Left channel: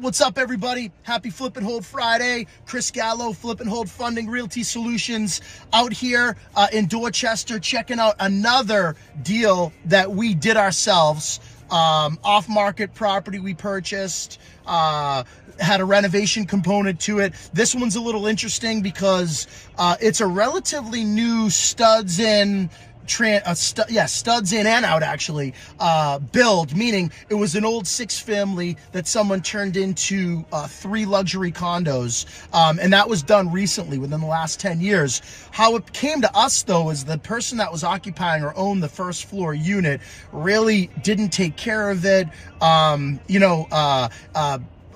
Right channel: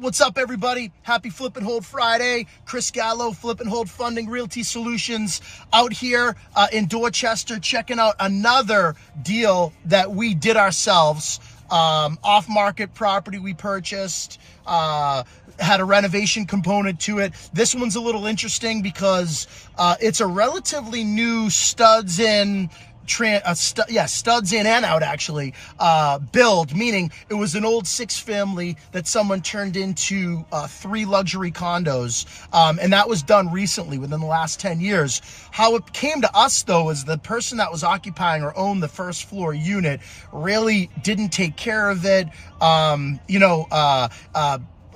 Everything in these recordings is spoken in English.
right, what's up, everybody? Happy Flip and Hold Friday. Chris Gallo, Flip and Hold Funding Realty Solutions, out here in Dorchester, checking out another deal that we did ourselves. Off-market property we purchased, had a renovation component to it. This one's a little interesting because it's a relatively new studs in and out actually, build, meaning it was an old 6-family that someone turned into 3 luxury condos, and that was done recently within the last 10 years. How it came to us though is the person that was occupying or owned the first floor unit really didn't take care of it.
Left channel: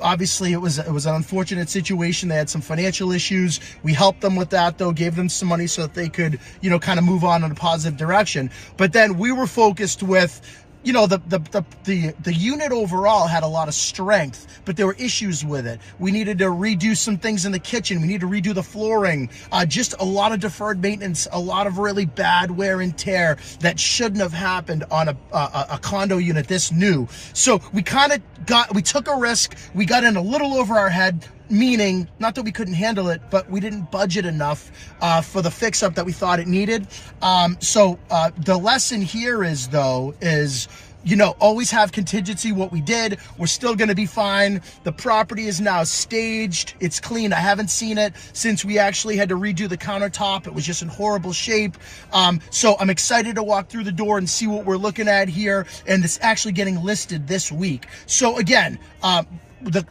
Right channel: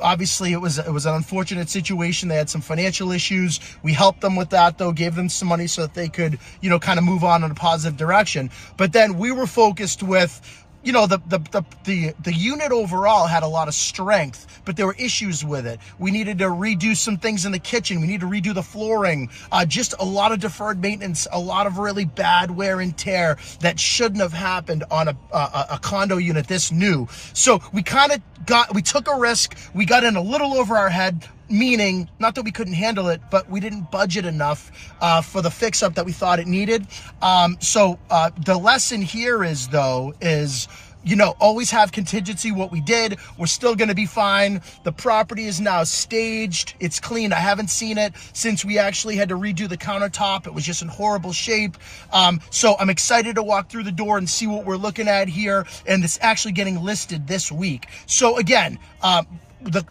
Obviously, it was an unfortunate situation. They had some financial issues. We helped them with that, though, gave them some money so that they could, kind of move on in a positive direction. But then we were focused with, the unit overall had a lot of strength, but there were issues with it. We needed to redo some things in the kitchen. We needed to redo the flooring. Just a lot of deferred maintenance, a lot of really bad wear and tear that shouldn't have happened on a condo unit this new. So we took a risk. We got in a little over our head, meaning not that we couldn't handle it, but we didn't budget enough for the fix-up that we thought it needed. The lesson here is, always have contingency. What we did, we're still going to be fine. The property is now staged. It's clean. I haven't seen it since we actually had to redo the countertop. It was just in horrible shape. So I'm excited to walk through the door and see what we're looking at here. And it's actually getting listed this week. So again, the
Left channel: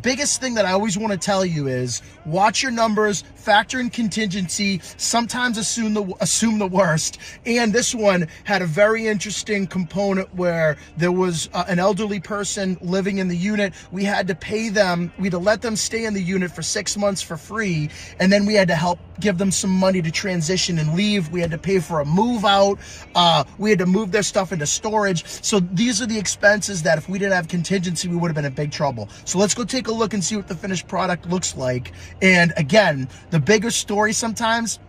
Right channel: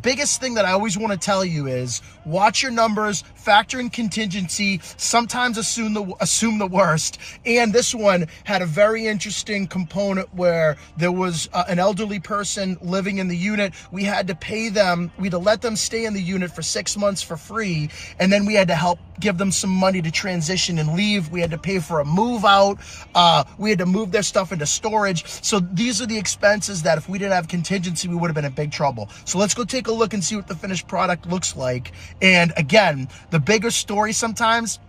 biggest thing that I always want to tell you is watch your numbers, factor in contingency, sometimes assume the worst. And this one had a very interesting component where there was an elderly person living in the unit. We had to pay them, we had to let them stay in the unit for 6 months for free. And then we had to help give them some money to transition and leave. We had to pay for a move out. We had to move their stuff into storage. So these are the expenses that if we didn't have contingency, we would have been in big trouble. So let's go take a look and see what the finished product looks like. And again, the bigger story sometimes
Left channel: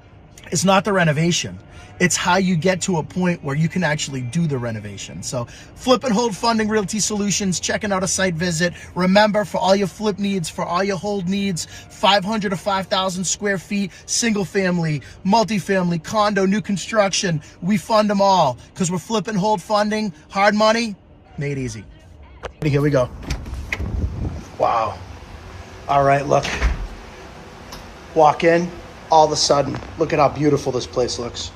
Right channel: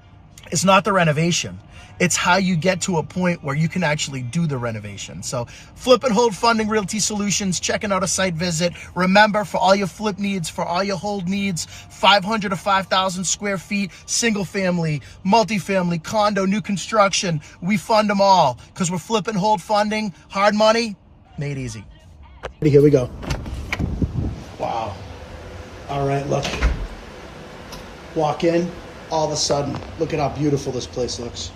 is not the renovation. It's how you get to a point where you can actually do the renovation. So Flip and Hold Funding Realty Solutions, checking out a site visit. Remember, for all your flip needs, for all your hold needs, 500 to 5,000 square feet, single family, multifamily, condo, new construction, we fund them all because we're Flip and Hold Funding. Hard money, made easy. Here we go. Wow. All right, look. Walk in, all of a sudden, look at how beautiful this place looks.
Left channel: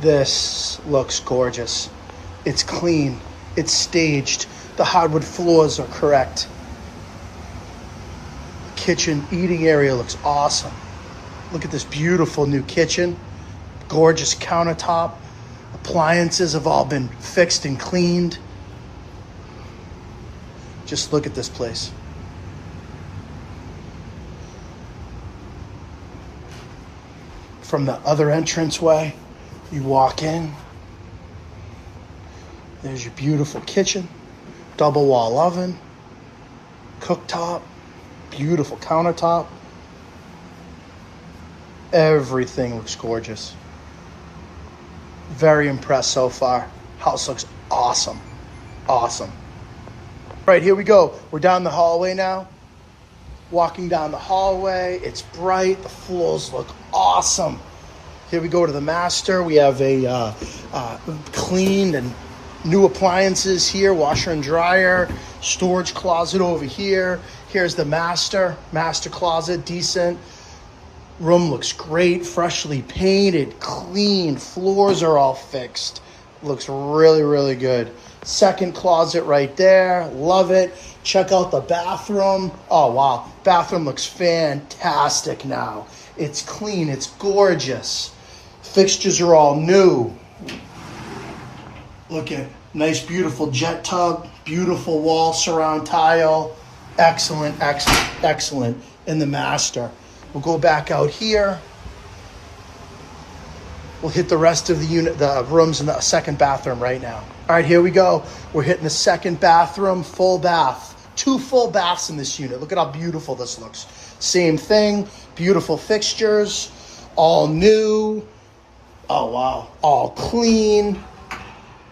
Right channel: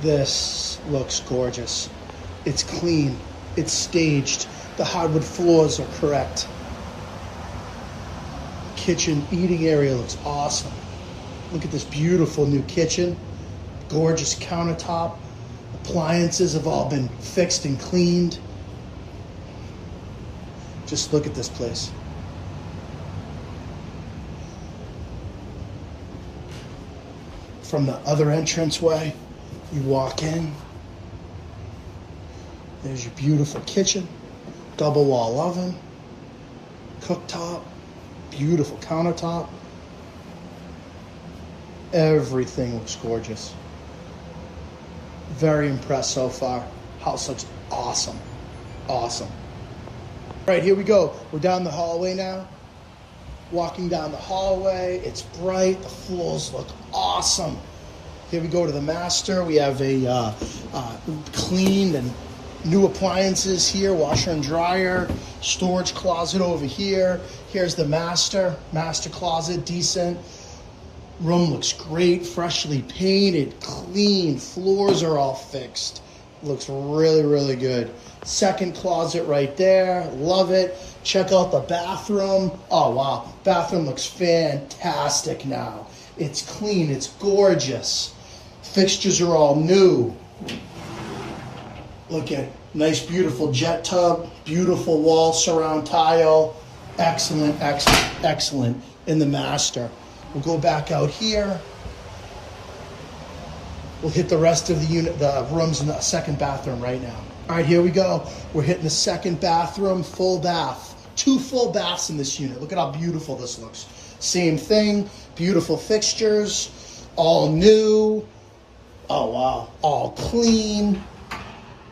This looks gorgeous. It's clean. It's staged. The hardwood floors are correct. Kitchen, eating area looks awesome. Look at this beautiful new kitchen. Gorgeous countertop. Appliances have all been fixed and cleaned. Just look at this place. From the other entranceway, you walk in. There's your beautiful kitchen, double wall oven, cooktop, beautiful countertop. Everything looks gorgeous. Very impressed so far. House looks awesome. Awesome. All right, here we go. We're down the hallway now. Walking down the hallway. It's bright. The floors look awesome. Here we go to the master. We have a cleaned and new appliances here. Washer and dryer. Storage closet over here. Here's the master closet. Decent. Room looks great. Freshly painted. Clean. Floors are all fixed. Looks really, really good. Second closet right there. Love it. Check out the bathroom. Oh, wow. Bathroom looks fantastic now. It's clean. It's gorgeous. Fixtures are all new. Look at nice, beautiful jet tub. Beautiful wall surround tile. Excellent, excellent, excellent in the master. We'll go back out here. We'll hit the rest of the unit, the rooms in the second bathroom right now. All right, here we go. We're hitting the second bathroom, full bath. 2 full baths in this unit. Look at how beautiful this looks. Same thing, beautiful fixtures, all new. Oh, wow, all clean.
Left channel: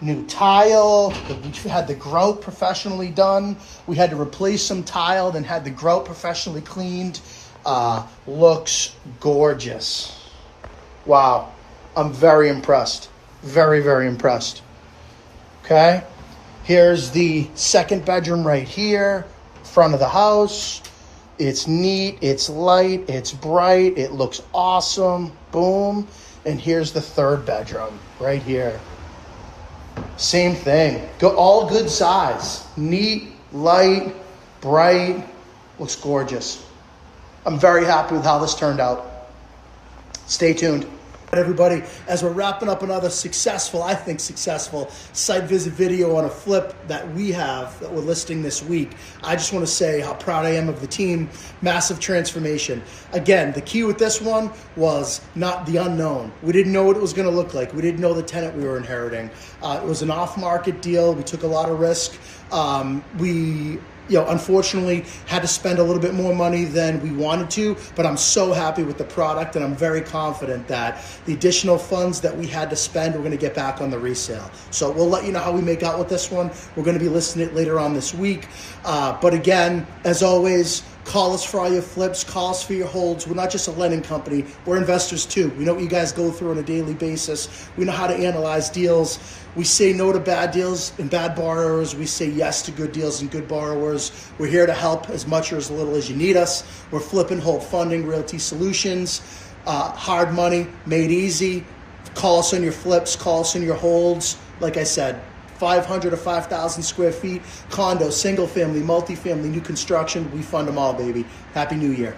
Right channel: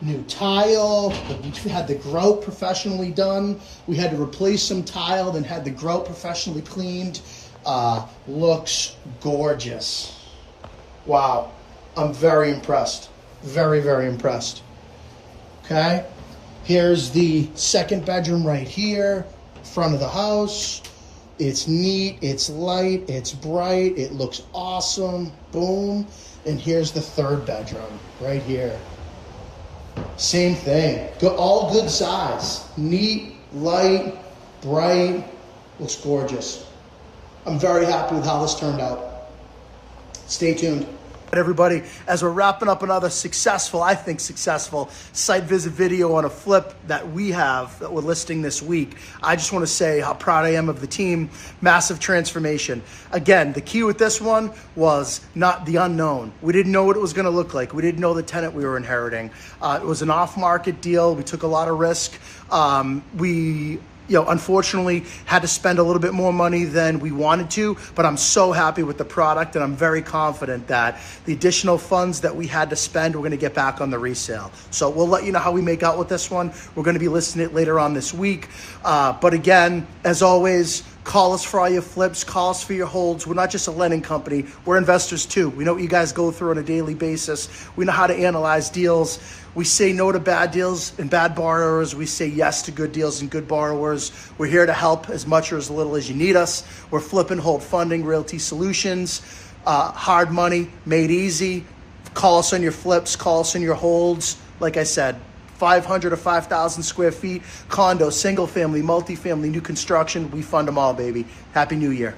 new tile. We had the grout professionally done. We had to replace some tile, then had the grout professionally cleaned. Looks gorgeous. Wow, I'm very impressed. Very, very impressed. Okay, here's the second bedroom right here, front of the house. It's neat, it's light, it's bright, it looks awesome. Boom. And here's the third bedroom right here. Same thing. All good size. Neat, light, bright, looks gorgeous. I'm very happy with how this turned out. Stay tuned. Everybody, as we're wrapping up another successful, I think successful, site visit video on a flip that we have that we're listing this week, I just want to say how proud I am of the team. Massive transformation. Again, the key with this one was not the unknown. We didn't know what it was going to look like. We didn't know the tenant we were inheriting. It was an off-market deal. We took a lot of risk. We unfortunately had to spend a little bit more money than we wanted to, but I'm so happy with the product, and I'm very confident that the additional funds that we had to spend, we're gonna get back on the resale. So we'll let you know how we make out with this one. We're gonna be listing it later on this week. But again, as always, call us for all your flips, call us for your holds. We're not just a lending company, we're investors too. We know what you guys go through on a daily basis. We know how to analyze deals. We say no to bad deals and bad borrowers. We say yes to good deals and good borrowers. We're here to help as much or as little as you need us. We're flip and hold funding, realty solutions, hard money made easy. Call us on your flips, call us on your holds. Like I said, 500 to 5,000 square feet, condo, single family, multifamily, new construction. We fund them all, baby. Happy New Year.